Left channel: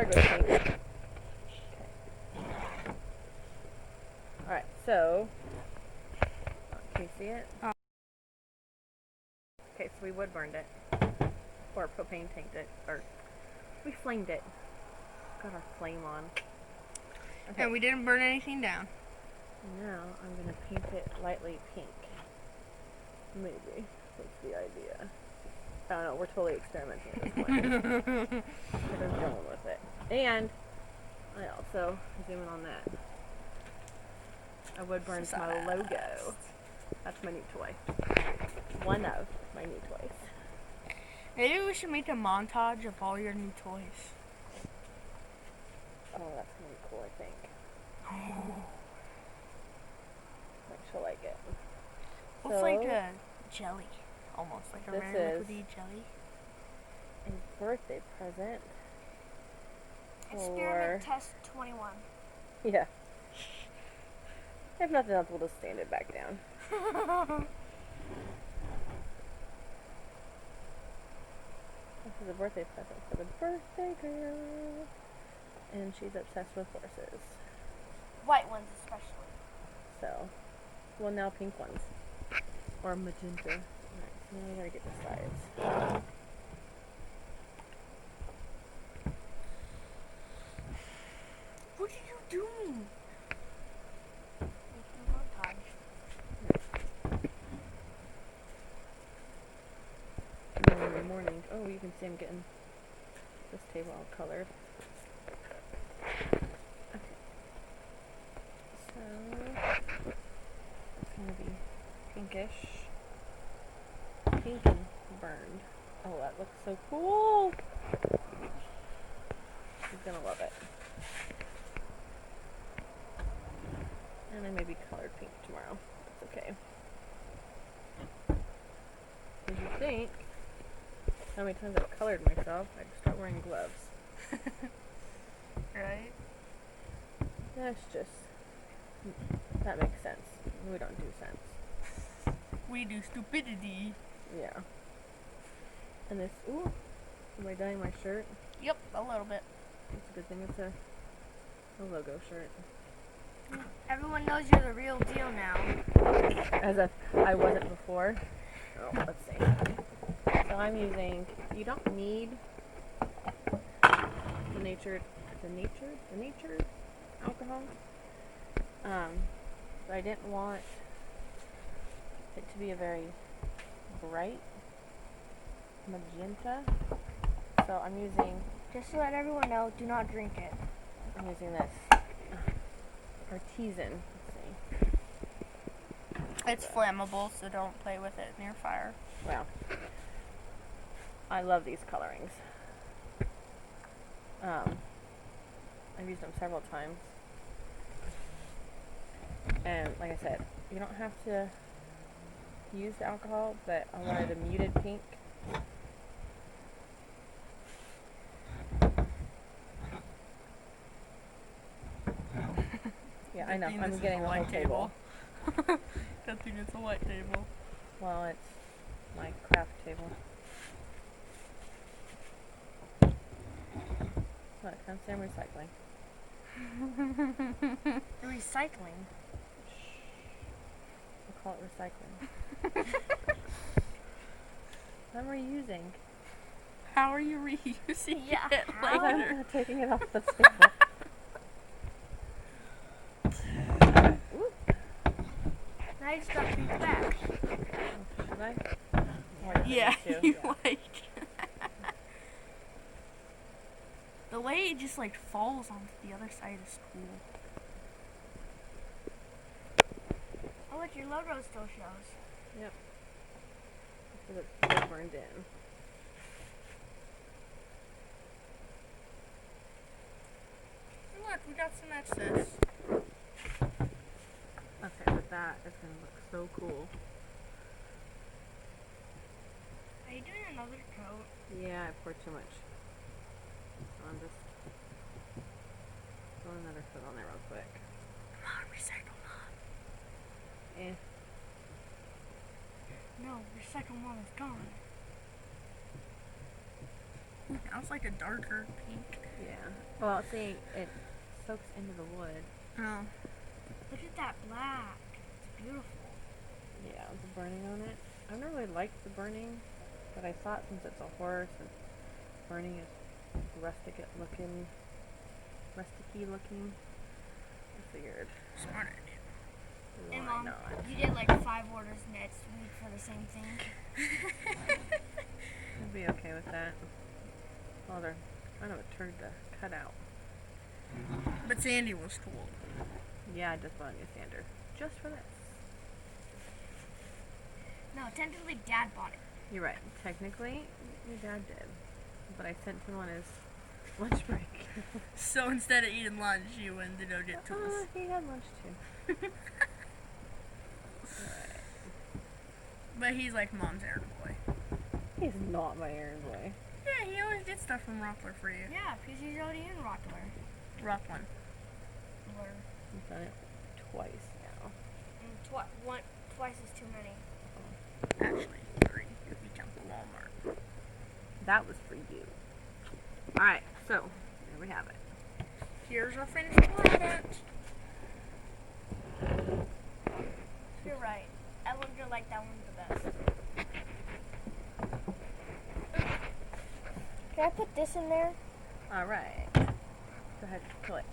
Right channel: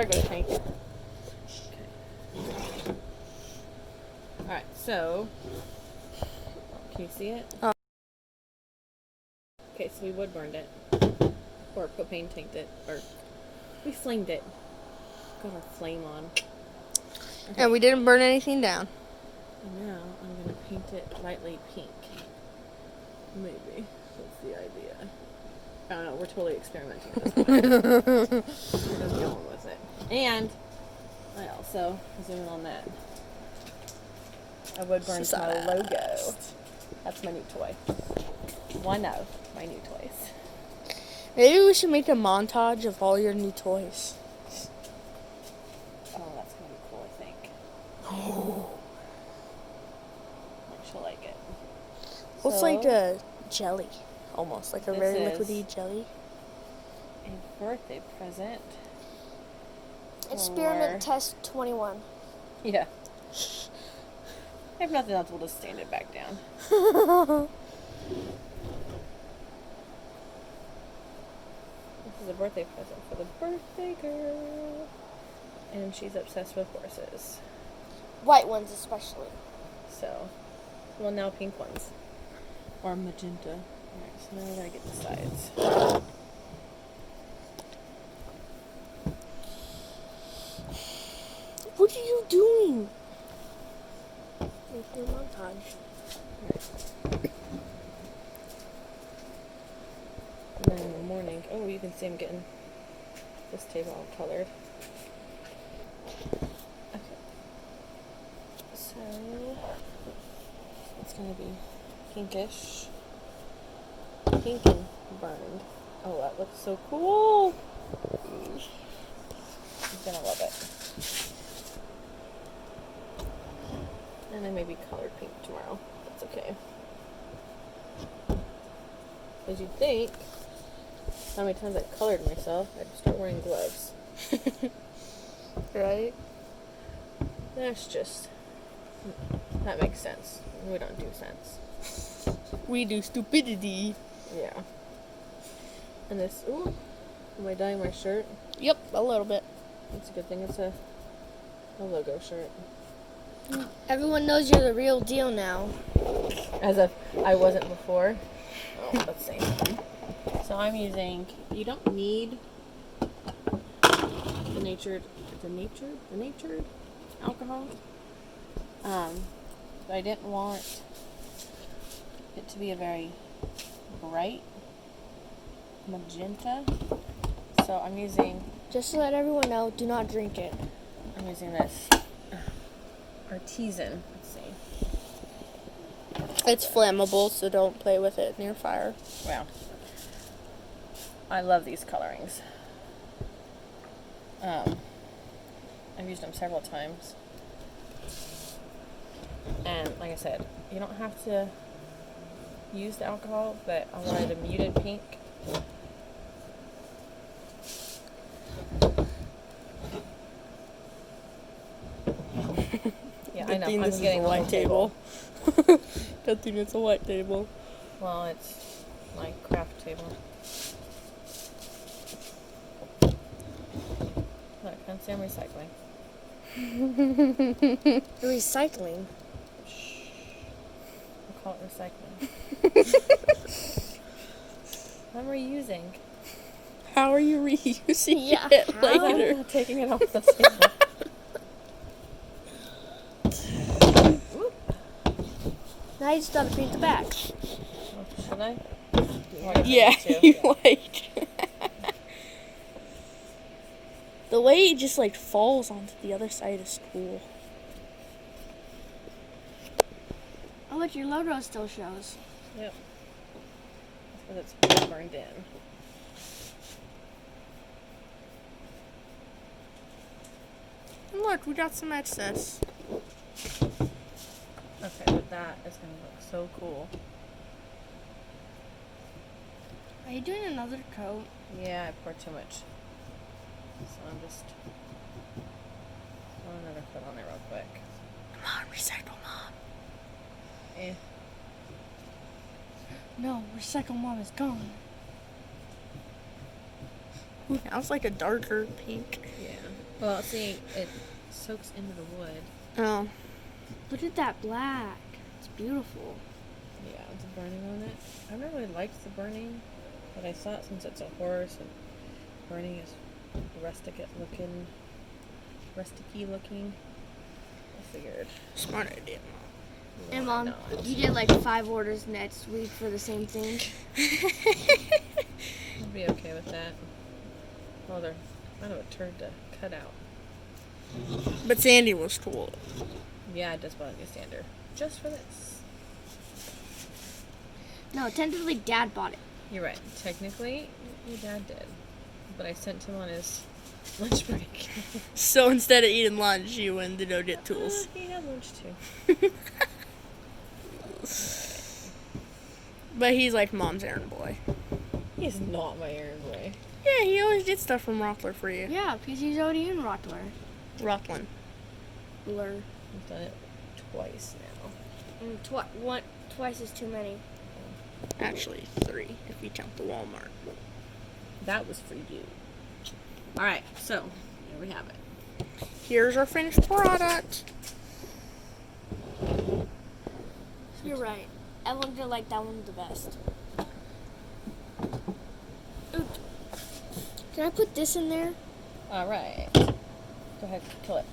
there goes pink. Okay. Alright, so. Can you see it? Oh. Okay, so we wood burned it. Or propane tanked it. Or we flamed it. Got our flame on. Okay. And we didn't burn anything down. And now I'm going to paint it lightly pink. Maybe. That's the idea. I don't know. We're totally experimenting at this point. We're just going with it. And I also, zoom in on that. I wood burned my logo. That's my new toy. One of my new toys. Maybe we should make a montage of all your new toys. Oh, that's going to be cool, I think. Oh. Like, she'll like it. Well, it's like a jelly. Almost like a very liquidy jelly. A birthday present. Experiment test 21. Yeah. If nothing else, we'll just stand it back down. This is a birthday present for the birthday girl. And she's obsessed with horses. White ones especially. So, well, now pink ones. Or magenta. Alright, so now we gotta get the sides. What are you doing? Making a montage. And then in the morning, oh, you can see I'm getting this table all colored. Okay. So, it's going to be pinkish. Pink and burned. Oh, that looks so cool. She's going to love it. And then maybe colored pink tomorrow. That's okay. As you think, how many times I've colored myself, I'd start wearing gloves. Right? That's just, that makes sense. We don't do sense. We do stupidity. Yeah. And this, ooh, am I dyeing my shirt? Yep, a little bit. It's a good thing it's a logo shirt. Everyone knows you're the real deal now. As if I wasn't before. Oh, let's see. So I'm using, you don't need the natured alcohol. But I didn't want it to be a very bright magenta. So I'm using, Just to let everyone know, do not drink it. I'm using this artisan. Let's see. It's flammable, so don't play with it near fire. Wow. I love these colorings. I've used them several times. And like I said, you don't have to use the alcohol, but I wanted a muted pink. Yeah, I know. I'm getting the white table. Good thing it's a white table. Well, it's my craft table. Look, I'm saying recycling. Recycling. We'll call it recycling. I'm reusing. How are you reusing Yeah, it how? later? I'm taking it off the table. Now you just gotta paint the back. Should I? Yeah, you like. The way it just like falls onto the other side is cool. Oh, look, your logo still shows. Yep. That's because it's burned in. And look, we got some excess. Okay, but that is going to look so cool. Are you doing another coat? Yeah, I poured too much. So I'm just throwing another foot on there real quick. Come on, recycle mom. Eh. No, recycle mom is gone. Ooh, now it's like a darker pink. Yeah. Well, see, it soaks into the wood. Oh. Look at that black. It's beautiful. Yeah, it's burning on it. I never really liked the burning, but I thought since it's a horse and burning is rusticy looking, I figured. Smart idea. And why Mom, not? you did like 5 orders next week for the same thing. I'd be okay with that. Well, they're kind of a turd to cut out. But Sandy was cool. Yeah, I just bought a new sander. Just for this. No, tentatively Dad bought it. You're right. Technically, your dad did. But I sent him on his lunch break. So instead of eating lunch, you went to go get tools. He had lunch too. But he's like Mom's errand boy. He's not my errand boy. Yeah, he always did stuff from Rockler for you. Yeah, because he's already in Rottweiler. Rockland. Blur. I've done it twice now. And twice is too many. Actually, 3 if you count the Walmart. That was for you. Alright, so, there we have it. Here's our finished product. You're right. Everyone did like that one the best. Can I put this in there? Alright. Go ahead, kill it.